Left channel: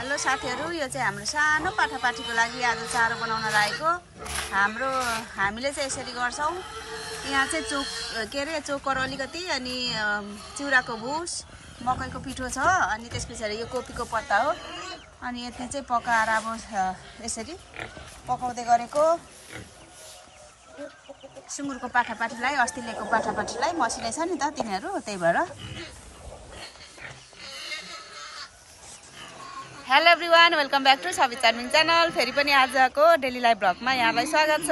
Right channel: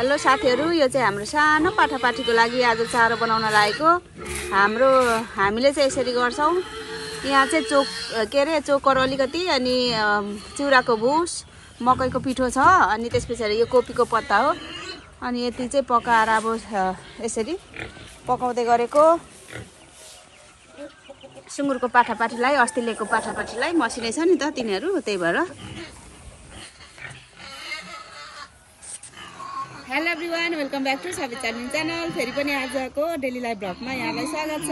Hello साथीहरु, यो चाहिँ हाम्रो सानो पाठापाठीको लागि आज चारो बनाउन लागेको। हामीले चाहिँ यसरी गर्छौं। यहाँ चाहिँ चोकर अलिकति अनि चिउराको भुस, मकैको पिठो छ अनि त्यसपछि यो कोपीको पत्ता हो। अनि यति चाहिँ पकाएर अब यसरी पकाउँदै गरेको। सुँगुरको पाठापाठीलाई अस्ति ल्याएको पाठापाठीलाई मसिनै छ नि त तिनीहरु, त्यही भएर। Hello everyone, welcome back to Sabita charming channel. फेरि पनि आजको डेली लाइफ ब्लगमा यहाँलाई स्वागत छ।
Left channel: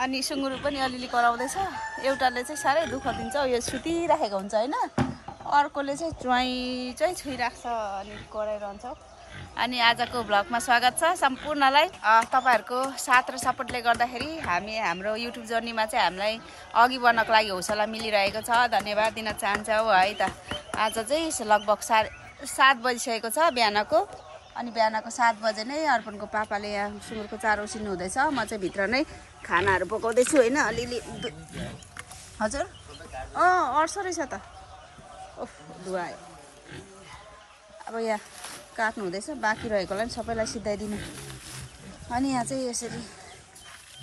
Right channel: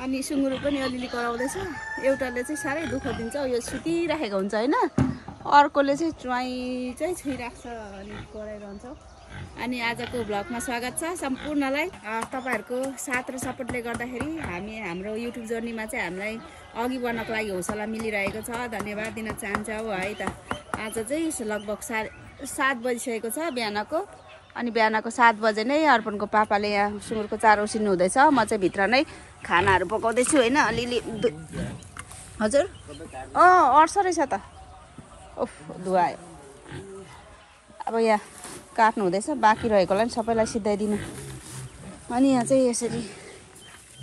अनि सुँगुर पनि अलिअलि कराउँदैछ। एउटाले चाहिँ साह्रै दुःख दिन्छ, यो सुतिराखेको हुन्छ हैन, अर्कोले चाहिँ चाहिँ छुइराख्छ अनि कराइरहन्छ। अनि आजको ब्लगमा स्वागत छ सम्पूर्णलाई। तपाईहरुको साथ र सपोर्टले गर्दाखेरि हाम्रो युट्युब जर्नीमा चाहिँ हामीलाई अघि बढ्नको लागि हौसला मिलिरहेको छ। धन्यवाद दिन चाहन्छौ है त। आज चाहिँ लगभग 7 बजिसकेको छ बिहानको। अनि बिहानको 7 बजे नै अर्पणको पापाले यहाँ सुँगुरको चारो उसिन्नु हुँदैछ। म चाहिँ भित्र नै खानाहरू पकाउँदैछु हैन, अलिअलि। हजुर अड्छ रहेछ त। ओफ, धुवायो। अब यहाँ काट्नु हुँदैछ, बाँकी रहेकोलाई पनि सबैलाई सिधाइदिनु। अनि यहाँ चाहिँ यसरी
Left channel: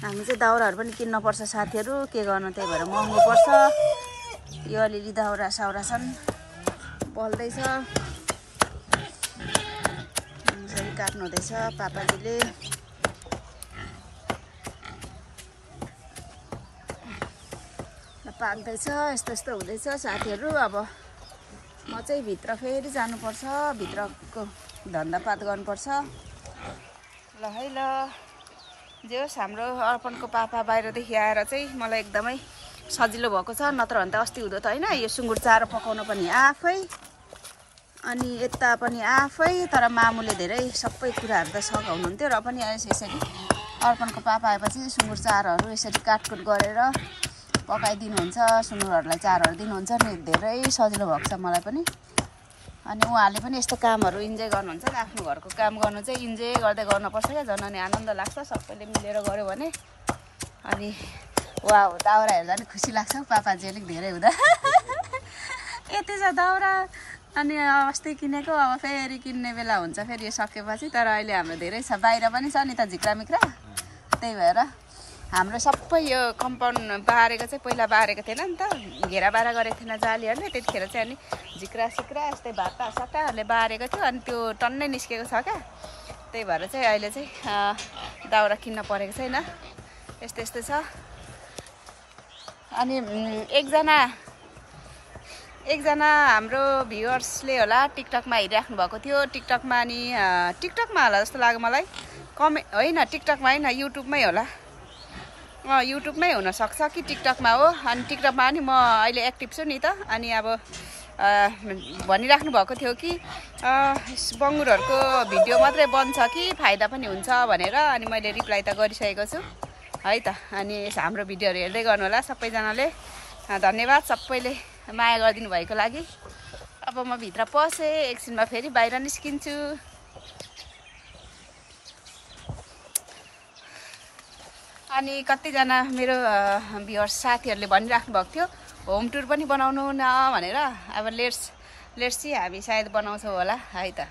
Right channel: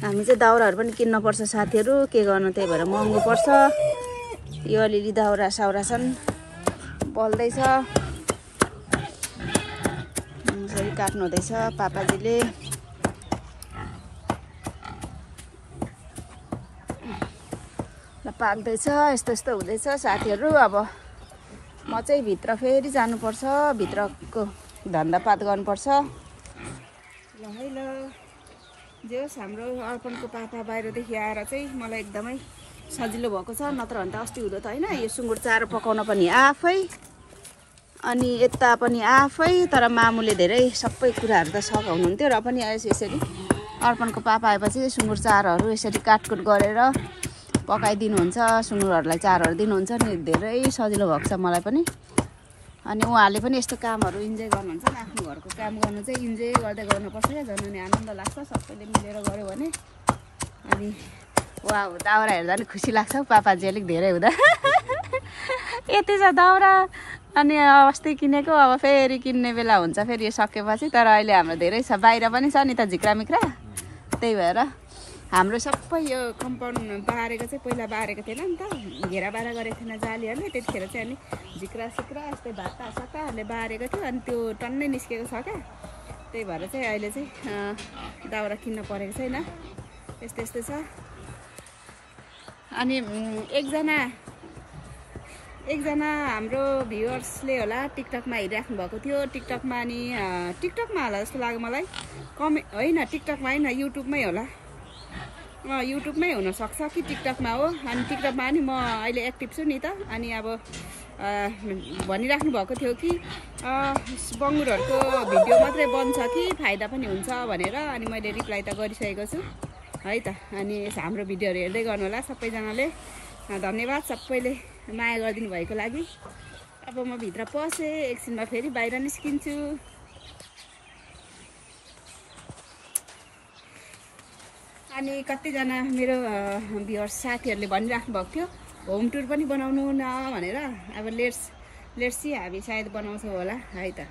हामी चाहिँ दाउराहरू पनि किन्न पर्छ साथीहरू, के गर्नु, त्यही भएर महँगो पर्छ। यो अलिअलि दाउरा साउरा छन्, बल्दैछ। यसरी काट्नु हुँदैछ पापाजीले। पाक्दैछ, यस्तो यस्तो हुँदैछ साथीहरू। अब म चाहिँ भित्र फेरि जानुपर्छ, भित्रको धन्दापात गर्नुपर्छ। ल है ल, जे होस् हाम्रो अर्पणको पापा बाहिरदेखि आएर चाहिँ मलाई एकदमै सजिलो भएको छ। नत्र भने त अस्ति हुँदो त हैन, यो सुँगुर चारो पकाउन पनि आफै अनि यता पनि आफै। तर मामुले धेरै सबै कुराहरू त सघाउनुहुन्थ्यो, र पनि यसरी अर्पणको पापा आएपछि सुँगुर चारोहरू यसरी काटकुट गरेर पकाइदिनुहुन्छ, सुँगुरहरूलाई चारोहरू दिनुहुन्छ नि। धेरै सजिलो भएको छ मलाई पनि। अनि उहाँहरूले पनि यस्तो कामहरू इन्जोय गर्नुहुन्छ नि। आफ्नो घरको काम गर्नु चाहिँ इन्जोय गर्दै गर्नुपर्छ क्या, झन् अनि आनन्द लाग्छ सबैले मिलेर गऱ्यो भने। अनि वाह, दाउरा हेर्दा नि खुसी लाग्छ हौ पापाजी अलिक धेरै हुँदा। यति छ दाउरा। अनि अस्ति किनेको, अब फेरि किन्ने बेला हुन्छ फेरि यो सकेपछि। तर अहिले हाम्रो धेरै छ, बाहिर पनि छ नि त झिक्रामिक्रा, त्यही भएर हाम्रो सबै यो कम्पाउन्ड बारेको चाहिँ पहिला बारेको थिएन नि त, घेरा बारा गरेको थिएन जालीहरूले। त्यतिखेर चाहिँ अनि झिक्रा सिक्रा यस्तै भाटा सट्टाहरूले बारेको थियो, अनि त्यो टन्नै निस्केको छ क्या। त्यही भएर चाहिँ अहिले चाहिँ दाउरा किन्न परेको छैन। यस्तो यस्तो छ। अनि एकजना हाम्रो भ्युअर्सले होला टिकटकमा हेरिराख्नु भएको थियो। टिकटकमा अनि टिकटकमा होला जस्तो लाग्यो मलाई। होइन टिकटकमा होइन, युट्युबमै होला। युट्युबमै हुनसक्छ कि टिकटकमा हो। अनि टिकटकमा पनि म अहिले एक्टिभ छु नि त। अनि अब भनिराख्नु भएको थियो कि बङ्गुरहरूको भिडियो मात्रै बन्छ कि फाइदा पनि हुन्छ भनेर। अनि मैले रिप्लाई त गरिसकेको छु है त। अनि हाम्रो भिडियोहरू हेर्दै गर्नु होला सबैजनाले। धन्यवाद सबैले माया गरिदिनु भएको लागि। अब म भित्र पसेँ, एकछिनमा फेरि बाहिर निस्किन्छु। अनि कतिजना मेरो भ्युअर्स साथीहरूले भनिराख्नु भएको थियो होम टुर पनि बनाउनु न भनेर। अब लेट्स सी, हामी सायद बनाउँछौँ होला है त।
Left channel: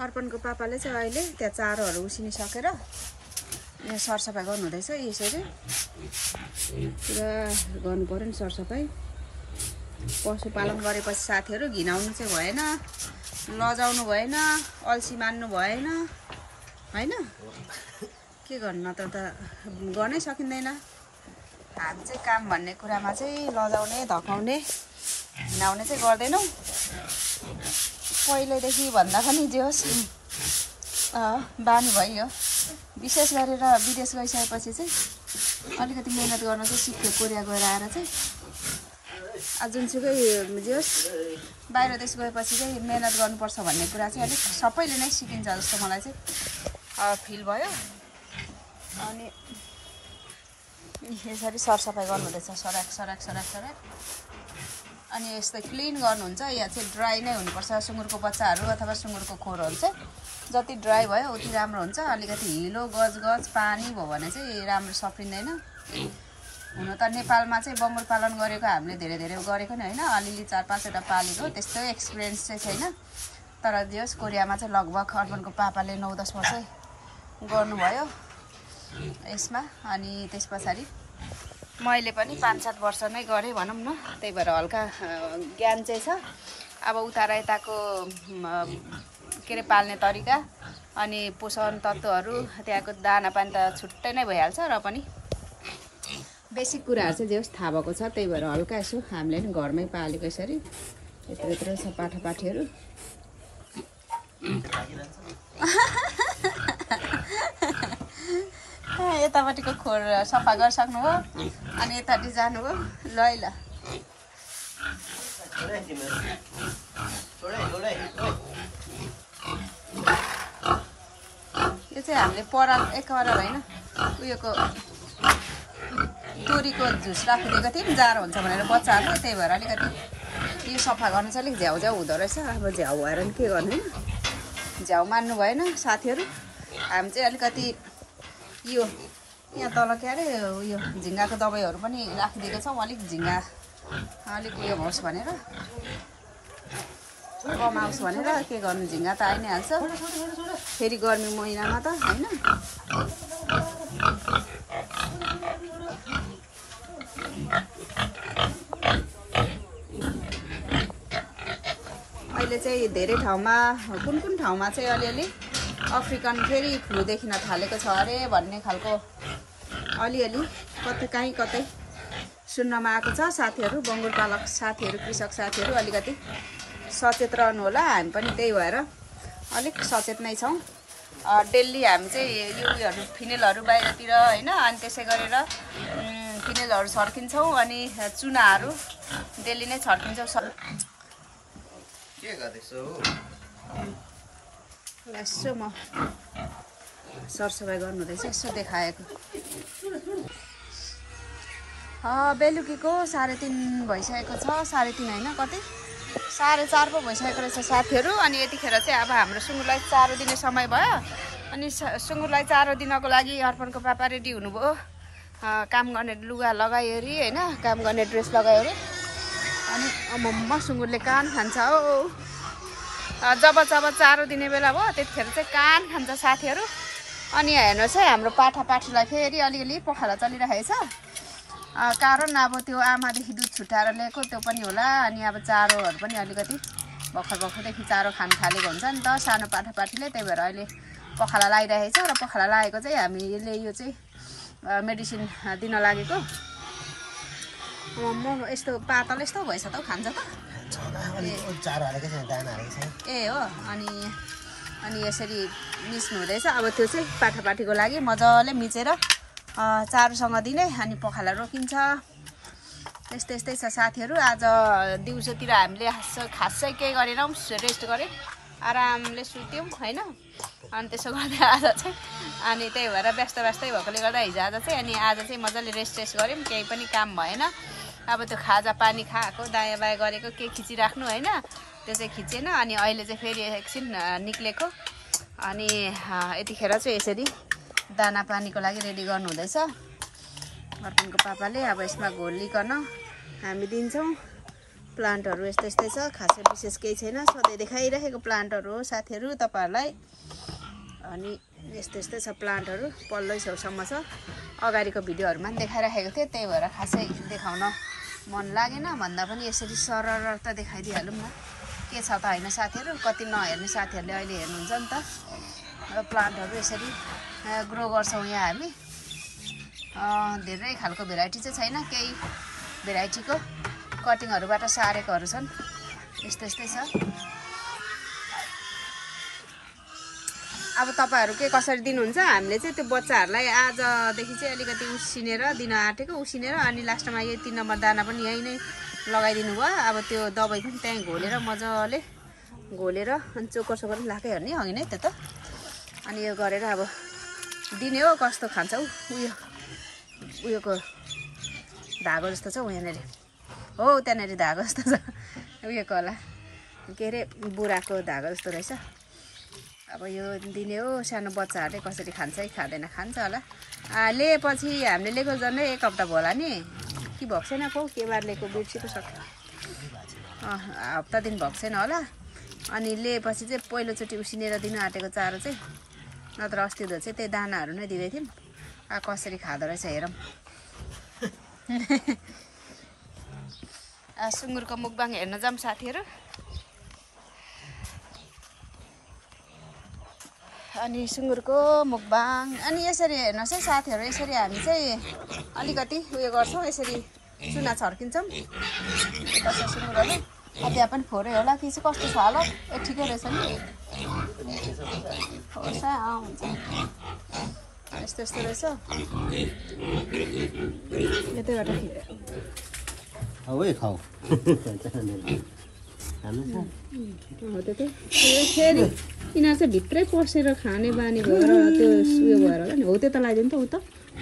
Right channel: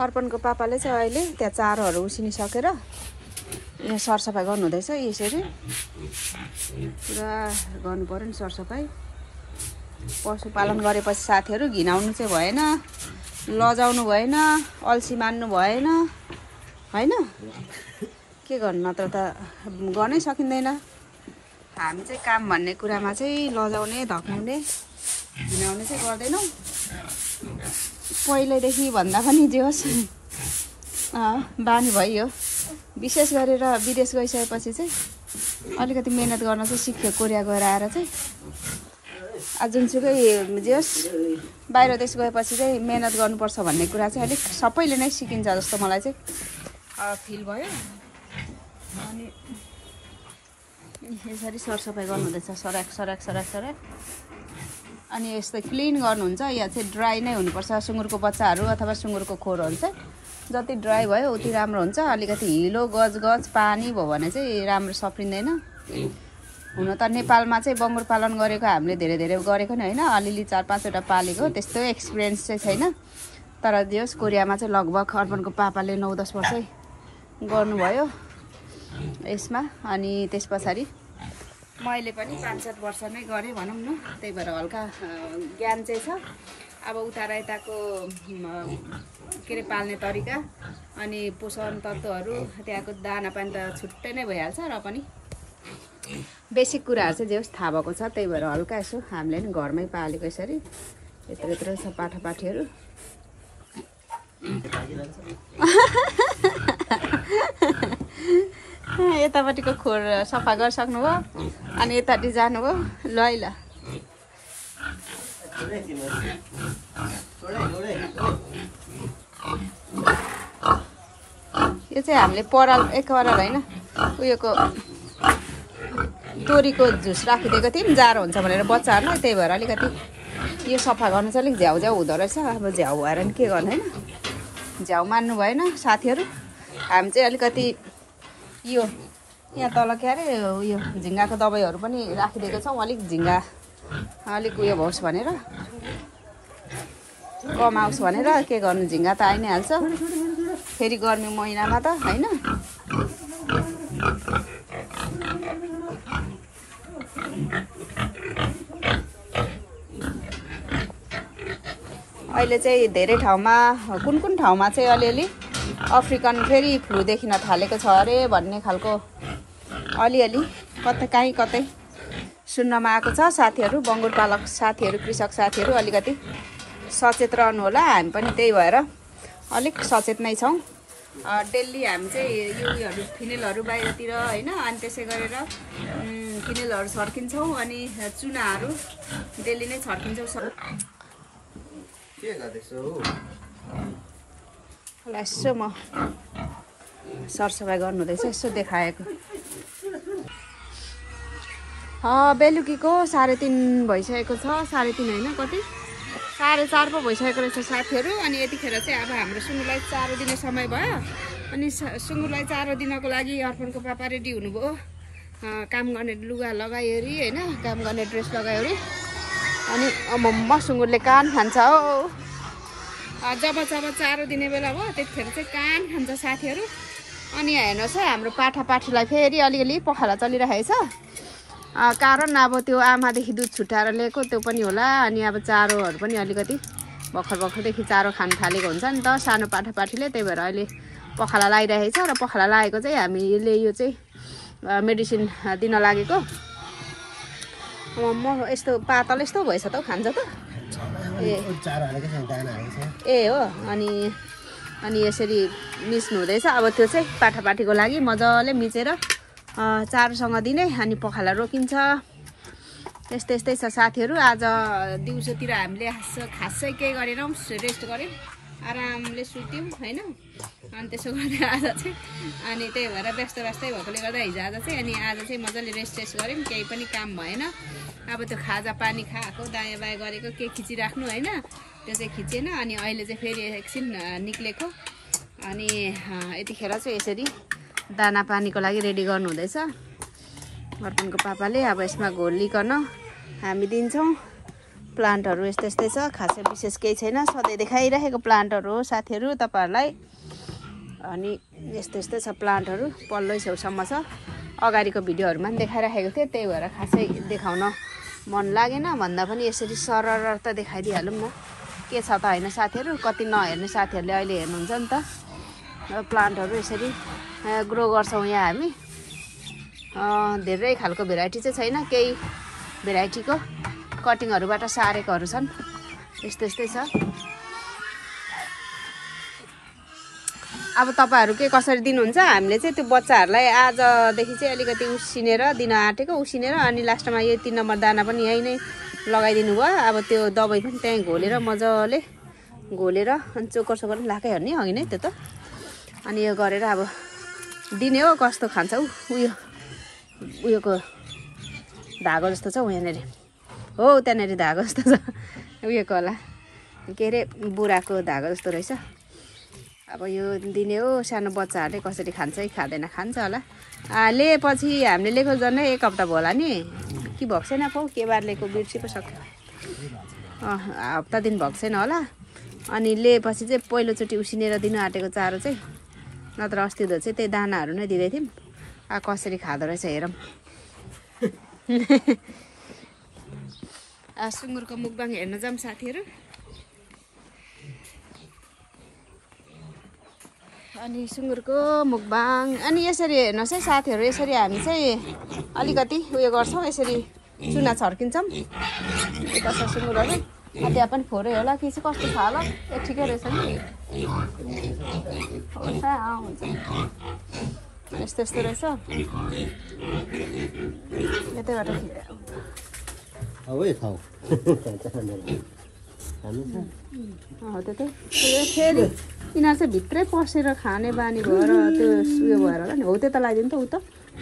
अर्पणको पापाले चाहिँ अहिले त्यहाँ चारोहरू उसिनिसकेर यहाँ सरसफाइ गर्नुहुँदैछ। यसरी पुरा गर्नु पर्यो नि सरसफाइ। पशुपालन गरेपछि साथीहरू घिनाउनु चाहिँ भएन, लजाउनु भएन, अल्छी मान्नु भएन हैन। के गर्नु, नत्र त गर्नै सकिँदैन। हामी चाहिँ काम भन्ने कुरामा चाहिँ लजाउने, धकाउने, घिनाउने चाहिँ गर्दैनौँ। पहिल्यैदेखि भन्दा पनि जे होस् बानी भइयो। विशेष गरेर विदेश गइसकेपछि चाहिँ अलिकति मेहनत गर्न चाहिँ सिक्यो। कोरिया गएर आएर चाहिँ जुनसुकै जे होस् बाहिर देश गएपछि चाहिँ मेहनत गर्नुपर्छ भन्ने कुरा चाहिँ अलिक सबैले नै सिकिन्छ जस्तो मलाई चाहिँ फिल भयो। अनि यसरी सरसफाइ गर्नुहुँदैछ, सराक। अनि यस्तो क्लिन गर्नुहुन्छ। यहाँ चाहिँ ड्राई नै हुनुपर्छ। सुँगुरको बच्चाहरू अथवा सुँगुरको खोरहरू चाहिँ जति ड्राई भयो उति राम्रो हुन्छ। अलिकति हिलो गज पानी भयो भने चाहिँ राम्रो सप्रिँदैन। हुन त नेपालमा चाहिँ बङ्गुर पालन गरेको हामीले धेरै गरेको नि होइन, अलिअलि 4-5वटा पालेको, त्यस्तो एक्सपिरियन्स चाहिँ छैन। तर दियोस् कोरियामा चाहिँ लगभग अर्पणको पापाले 9-10 वर्षै गर्नुभयो यसमा। अनि त्यस पछाडि मैले पनि 5-7 वर्ष नै गरेँ भनौँ न, त्यही भएर हल्का ज्ञान चाहिँ छ। अब उता यताको के अरे पाल्ने तरिका अनि पोषण तत्त्वहरू त्यहाँको दाना पानी त छुट्टै नै भइहाल्छ, र पनि बेसिक कुराहरू चाहिँ जे होस् थाहा भएको छ। त्यही भएर हल्का यसो हामीले नि घरमै पालेको यसरी यत्रो छ पाठापाठीहरू। यतापट्टिको खोर सफा गरिसक्नुभयो अनि यतापट्टि जानुभयो। ल है ल यो चाहिँ हामीले पराल होइन उयोको तोरीको झुस राखिदिएको थियौँ, जाडो हुन्छ भनेर बच्चाहरूलाई, त्यही भएर अलिकति यो सफा गर्नु चाहिँ अलिक झ्याउ हुँदो रहेछ। अब झ्याउ भएर नि के गर्ने, झ्याउ मान्नु भएन साथीहरू। हामी चाहिँ अलिकति यो यहाँ तल के अरे उयो झिङ्गाको दबाईहरू पनि राखिदिएको छौँ, अलिक झिङ्गा अलिक उयो होस् भनेर, कम आओस् भनेर। के गर्नु, झिङ्गा त आइ नै हाल्छ फेरि गर्मी महिनामा त होइन। अहिले चाहिँ धेरै ठाउँमा कुन ठाउँमा चाहिँ अलिअलि अफ्रिकन फेरि फ्लू देखिन थालेको छ अरे भन्ने खालको अलिअलि कतै सुन्नमा आएको छ। साथीहरू, बङ्गुर पालक साथीहरू, कृषक साथीहरू अलिकति सचेत रहनु होला। हामी पनि त्यही भएर अलिक सचेत नै छौँ। डेली हामी चाहिँ उयोहरू फिनेलहरू बाहिरतिर होइन, अनि त्यसै गरेर फिनेलहरू छर्किन्छौँ अनि चुनाहरू डेली नै छर्किन्छौँ। के गर्दैछौ? यसो म सरसफाइ गर्नु हुँदैछ, यसो देखाएको। बेलुकीको 3:30 भइसकेको छ। 3:30 होइन, कति 4:30 पो भइसकेको रहेछ साथीहरू। अनि यतिखेर चाहिँ अब हाम्रो सुँगुरलाई चारो दिने समय भयो। अनि सुँगुरलाई चारो दिनको लागि अर्पणको पापा रेडी हुनुभयो। काम गर्ने लुगा लगाइवरी होइन, काम गर्ने ड्रेस लगाइवरी। अनि मम्मा सुँगुरले कान खान्छ हो। जब चारो दिने बेला भयो त्यतिखेर चाहिँ कान खान्छ साथीहरू। अनि हेर्नुहोस् है, हाम्रो पाठापाठीलाई फेरि अलिअलि पखाला चलिरहेको छ। कारण अब त्यो आमादेखि दुध छुट्याएर ल्याएको त्यो पनि होला। अनि अब चारोहरू पनि अलिकति भर्खरदेखि चारो खान थालेको हुन्छ नि त सानो पाठापाठीले, त्यही भएर अहिले पखाला लगाइरहेको छ। र पखाला लागेको चाहिँ हामीले यो चाहिँ मेडिसिन दिन लागेको। म यस्तो पातल यस्तो भएछ त खान्छ त ए हो। अनि यसरी मिच्नु हुँदैछ। अब त्यो चाहिँ पाठापाठीको लागि मजाले मिचेर चारोसँग दिने अनि पखाला रोकिन्छ। यस्तै छ साथीहरू। आज दिउँसोतिर हामीले खासै केही गरेनौँ, रेस्ट गऱ्यौँ, आरामले सुत्यौँ होइन। अनि त्यसो गर्दा आज चाहिँ अनि त्यही भएर व्यस्तै भएकोले गर्दा हिजो आज चाहिँ मजाले रेस्ट गऱ्यौँ, केही पनि काम भएन। अब त्यो खाजा पानी खाएको दायाँ बायाँ गरेको के खिचिराख्नु होइन, त्यो चाहिँ खिचेन। अनि अहिले चाहिँ फेरि एकछिन निक्लेको। अनि यतिखेर चाहिँ यसरी दाना पानीको लागि रेडी गर्नु हुँदैछ अर्पणको पापाले। अब यसमा घोलिकन हामी दिन्छौँ। प्लान्टहरू यस्तै छ, खासै विशेष केही छैन, सधैँ देखाइरहेको प्लान्टहरू हो साथीहरू तपाईँहरूलाई। अनि यस्तै छ प्लान्टहरू, पल्लो छेउसम्म छ। अगाडिको भिडियोहरूमा पनि देखाइराखेको थिएँ, त्यही भएर खासै देखाउन मन लागेन। भन्दा पनि यसरी सरर त देखाइदिइहालौँ न, के छ त होइन साथीहरू। कति नहेर्ने साथीहरूले अहिले हेर्नुहुन्छ नि त। प्लान्टहरू यसरी ग्रो गर्छौँ यहाँ हामी। धेरै खालको भेराइटी चाहिँ छैन, केही भेराइटीको कटिङहरूबाट सारेकोहरू छन्। यस्तै छ। अब तपाईँहरू के कसरी दिनुहुन्छ? हामीले चाहिँ त्यो बच्चाहरूलाई आजदेखि चाहिँ अलिकति उसिनेर दिन आँटेको, अनि लास्टमा यो 3 नम्बर दाना पनि यहीँ नै लगाइदिनु भयो। अब त्यो दबाई पनि त्यहीँ मजाले घोलेर अनि चोकर लाकै हेर्ने अघि नै त्यो त। अनि यो गरेर अब दिने हो। कस्तो खान्छ उयोको धागो जस्तो छ यहाँनिर हो त्यहाँनिर धागो जस्तो छ उयोको होला के अरे बुढाको धागो जस्तो रहेछ अब यो दिने हो सानो बच्चाहरूले कसरी खान्छ कि खाँदैन खान्छ होला लिएपछि हामीले लिएको झन्डै 1 हप्ता भयो होला नि कि भएको छैन पाउ के बार लिएको बिर्सेको सक्छ हप्ता दिन भएको छैन होला अनि लिएपछि चाहिँ पहिलोचोटि उसिनेर दिनु आँटेको चारो चाहिँ नत्र अस्ति त चाहिँ त्यही दानाहरू नै दिँदै थियौँ कसरी खाँदो रहेछ हेरौँ सुँगुरको मुखबाङ हेर्न जाऊँ साथीहरू अनि सुँगुरको मुखबाङ अनि यसरी हेर्नुहोस् है साथीहरू यसरी हामी चाहिँ अलिकति उयो गर्छौँ यसरी चुना छर्किन्छौँ यता छ सुँगुरहरू त्यहाँ पनि फोरै होला कि चाहिँ कस्तो छ होला ए ठिकै रहेछ नि हुन्छ यस्तो यस्तो रहेछ यतैबाट त्यो फेरि यिनीहरू चाहिँ भित्रै पसेर खाने बानी भएर त्यो उयो भएर होला नि हो त्यो त लगाइदिनु त उ त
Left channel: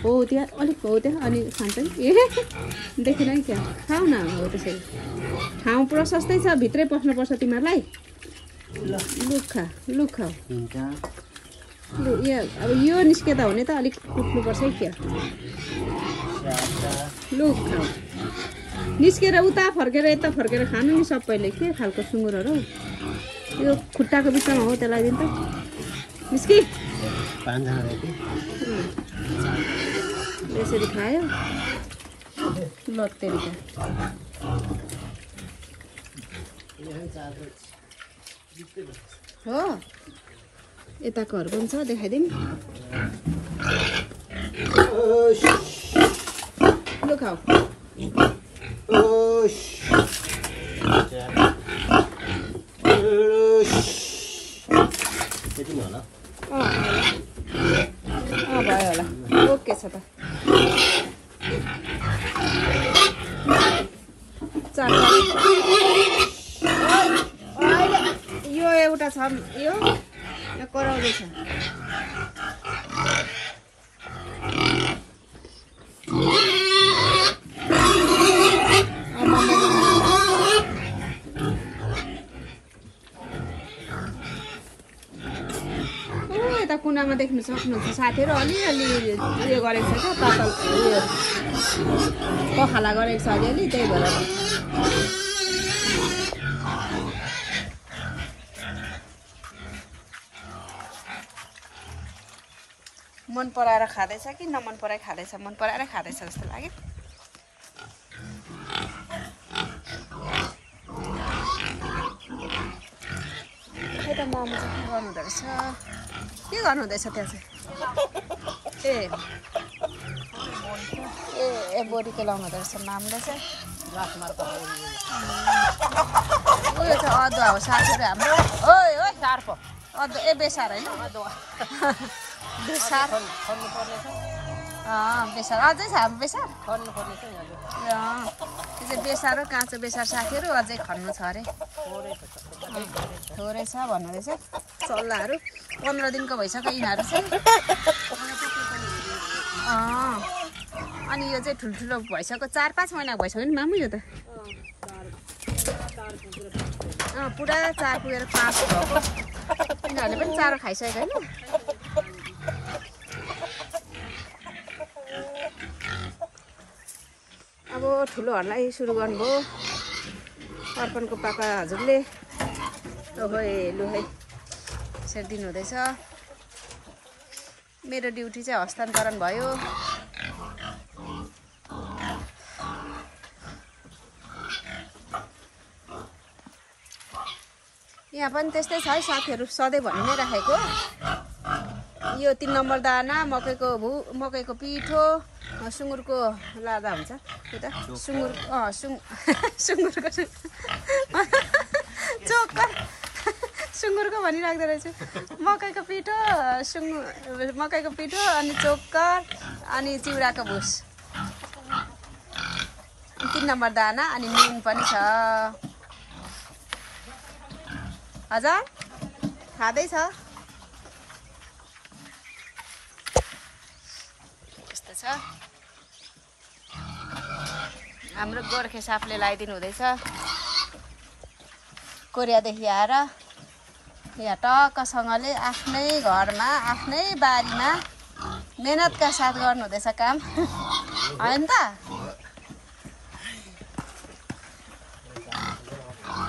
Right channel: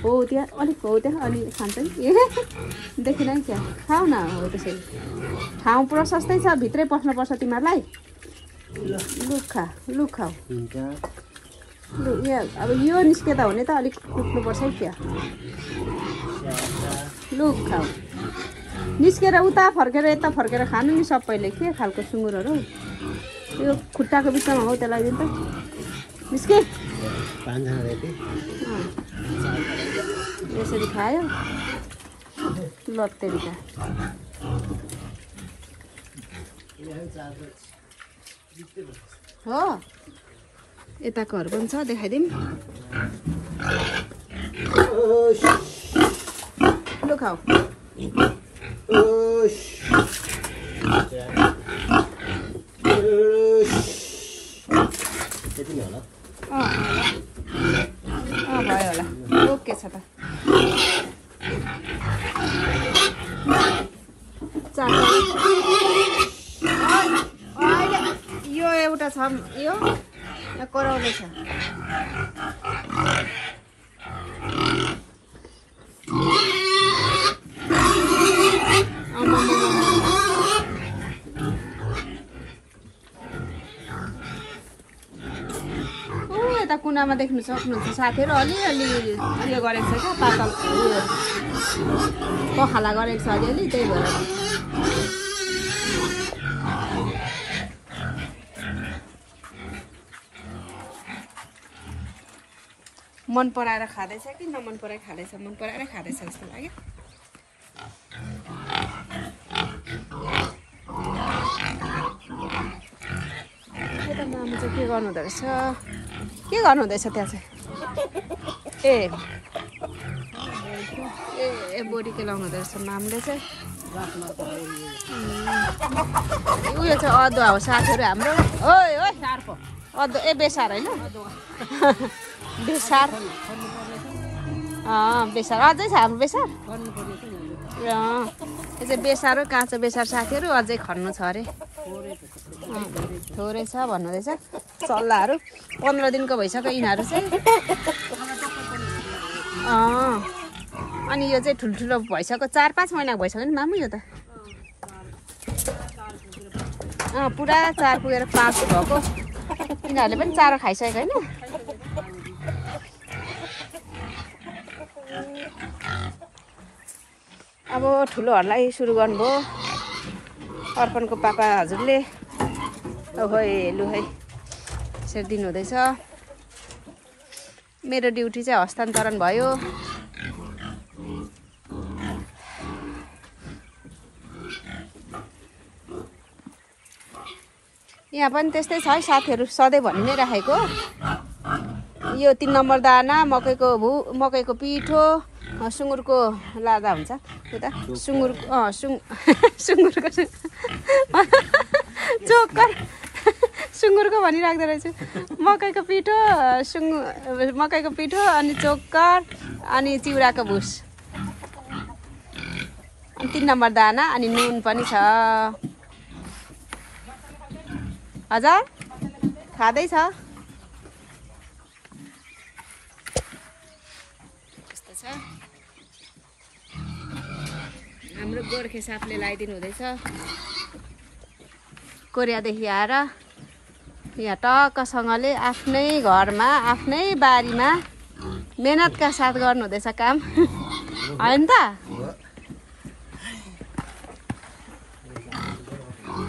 हो त्यहाँ अलिक हो त्यहाँ अनि खान्छ नि ए देखिन है त्यहाँ खाऊ न हो त्यसरी ठाउँ प्रशस्तै छ भित्रै पस्नुपर्छ तिमीहरूलाई लुक खाऊ लु यहाँ अब यो निस्केता हुने त अलिक कुट्नुपर्छ है क्या लुक खाऊ निस्केर उता फर्केर यता फर्केर खानु नि सबैले के खालको सुँगुरहरू यो खुट्टाको बिचमा हो त्यसलाई दिनु त निस्के यसरी खायो लत्तेरिका हो यताकोहरू पनि छ देखाइदिउँ लु खाऊ ओके छ त यो एउटा छ यो कराउँदैछ यता कुनामा देख्नु सक्नुहुन्छ साथीहरू अलिअलि उयो गरेको छ क्या पातल पखाला गरेको छ अलिअलि त्यही भएर मन पराएर खाँदैछ कि नमन पराएर खाँदैछ मन पराएर खाँदैछ जस्तो लाग्यो मम्मी चाहिँ के गर्नुहुँदो रहेछ के गर्नुहुँदैछ त्यहाँ चाहिँ ए बोरीको लाउनु हुँदो रहेछ मामुले चाहिँ उयो चाहिँ अदुवा हो साथीहरू हाम्रो ओइ अदुवा बेसार होइन बेसार बेसार अझै छ हाम्रो बेसार यो चाहिँ बेसार हो काँचो बेसार साथीहरू अझै खन्नु छ अरे थोरै छ भन्नुहुँदैछ चल्लाहरू 15 दिनको भइसक्यो यिनीहरू चाहिँ अनि यो चाहिँ ठुल्ठुलो भइसक्यो 4-5 महिनाको भइसक्यो नि मामु यो त पुरा 4 पुगेर 5 भएको यिनीहरूले पनि चारो खाइसकेको होइन अब ठुलोहरूलाई सुरु गर्नुभयो अर्पणको पापा हजुरले ओहो लु है यसरी दिनुहुँदैछ मेरो ड्युटी चाहिँ हस्तान्तरण भयो यहाँ पनि त्यस्तै छ है साथीहरू सधैँ भनि नै राखेको यो 3 नम्बर दाना मकैको पिठो सुँगुरको लादा हुन्छ त्यो त सुँगुरको चोकर सुँगुरको भनिराख्दो रहेछु मकैको पिठो अनि चोकर अनि चिउराको भुस 3 नम्बर दाना अनि नुन पनि छ हजुर खाँदैछ यस्तो छ हाम्रो गोर्खे सापले लगाइदिनु हुँदैछ कोरियादेखि आएर यहाँ टक्कसँगले आफ्नै घरमा आफ्नै बारीमा मेहनतका साथ गर्नु हुँदैछ काम होइन त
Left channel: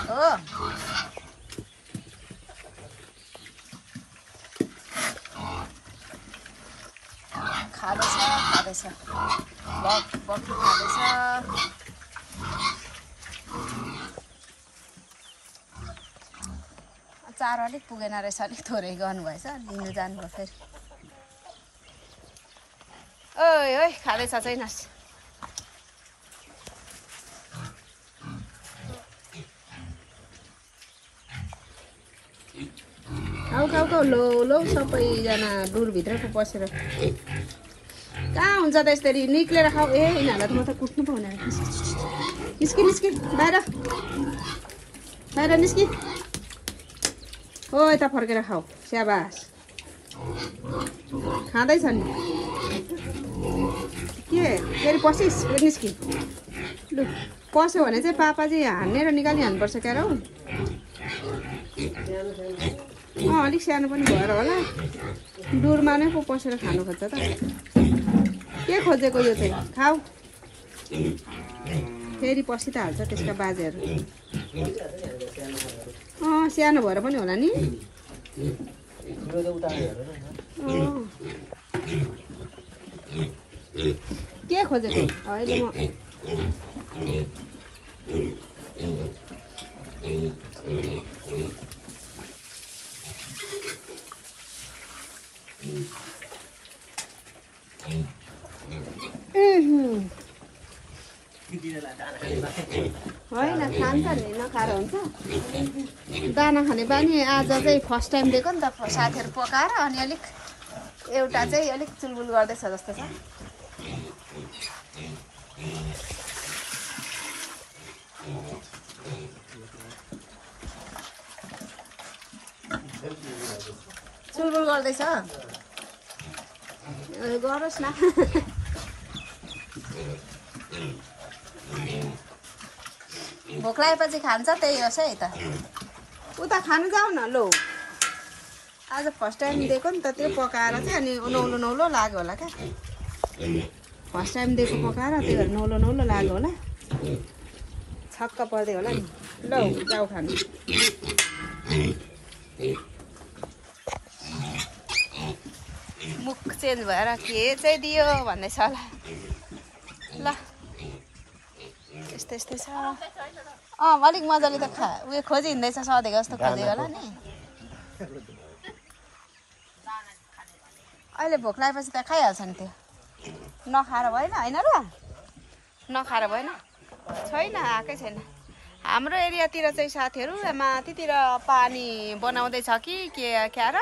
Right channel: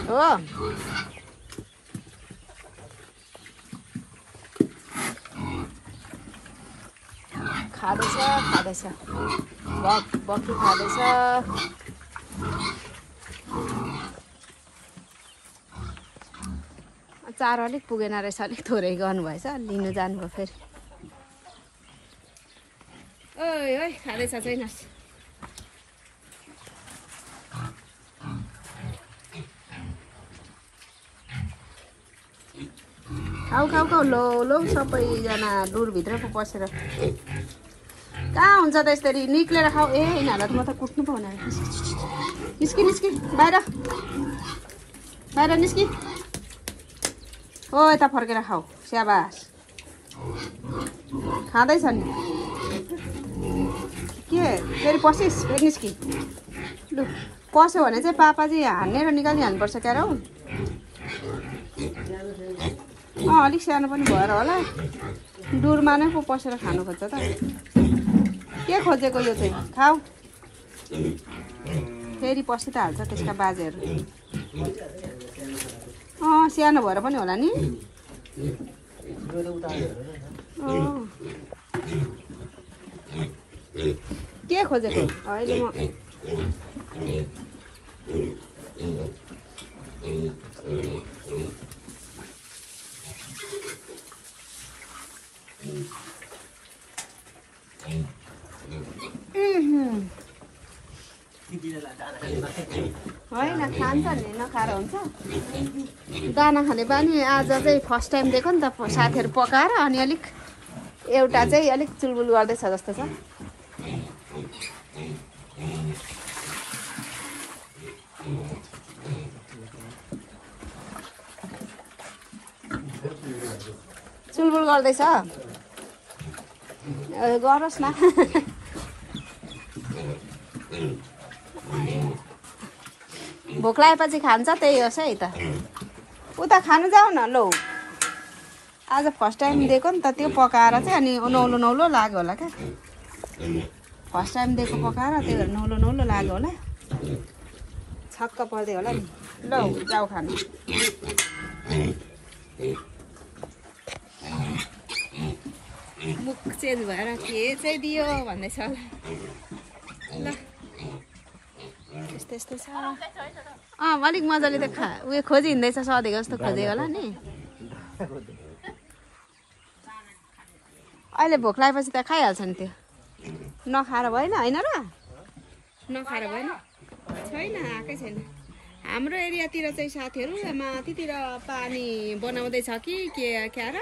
हो खाँदैछ बक्खी खाँदैछ चारो अलिक पुगेन रहेछ अलिक थोरै गर्नुभएछ लिनु जानुभयो फेरि ओइ खाँदैछ छैनस् खाऊ लो सबैजना डुरभित्र पो पसेर कहाँ हुन्छ त यसरी निक्लेर खाऊ ए यिनीहरूलाई त म त कुट्नु पो हुने निस्कि बाहिर निस्कि हो यता फर्केर खाऊ स्याबास खाँदैछ नि के फेरि पसिस् फेरि निस्कि लु पस्यो भने चाहिँ पापाजी हान्ने र निकालिहाल्नुपर्छ क्या रौ अलिक सानो पनि भएर होला डुरमा नै पो पसेर खानु खोज्छ त के खोजेको यो चाहिँ खाऊ फेरि पसि त हाल्छ त्यसका बाजेहरू सानो भएर पनि होला नि के खोजेको अहिले म होइन खान्छ नि नखाएर हुन्छ दाना खाने बानी आज चाहिँ फर्स्ट टाइम दिएको नि त साथीहरू पकाएर अनि अलिक एउटा चाहिँ अलिक चुलबुल गर्दैछ जस्तो छ चुलबुल गर्दैछ गरोस् न भोक लागेपछि खान्छ त्यही होस् है त उता खानु जाऊ न लौ आज फर्स्ट टाइम दिएको नि त त्यो पकाएर चाहिँ अनि नौलो लाग्यो होला क्या फर्स्ट टाइम दिएको पकाएर त्यही भएर नौलो लाग्यो होला छक्क पर्दै होला नि लौ जाऊ खानु मुख चेन्ज भएर के चाहिँ दियो भन्दैछ होला ल यस्तै छ अलिक मजाले त उयो खोजी हिँड्दैछ सधैँ जस्तो खोजेको होला नि अहिले भोक लागेपछि त खाइहाल्छ नि त्यो नखाएर भएन होइन र नखाएर भएन छैन आएकै छैन हाम्रो एरियातिर चाहिँ साथीहरू माथितिर पानी बनाउँदैछ कि के क्या र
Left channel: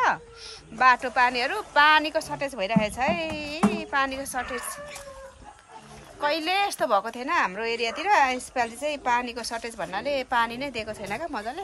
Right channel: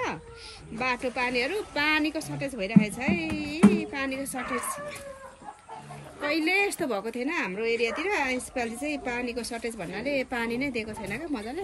बाटो पानीको सर्टेज भइरहेछ है पानीको सर्टेज कहिले यस्तो भएको थिएन हाम्रो एरियातिर यसपालि चाहिँ पानीको सर्टेज भन्नाले पानी नै दिएको छैन क्या मजाले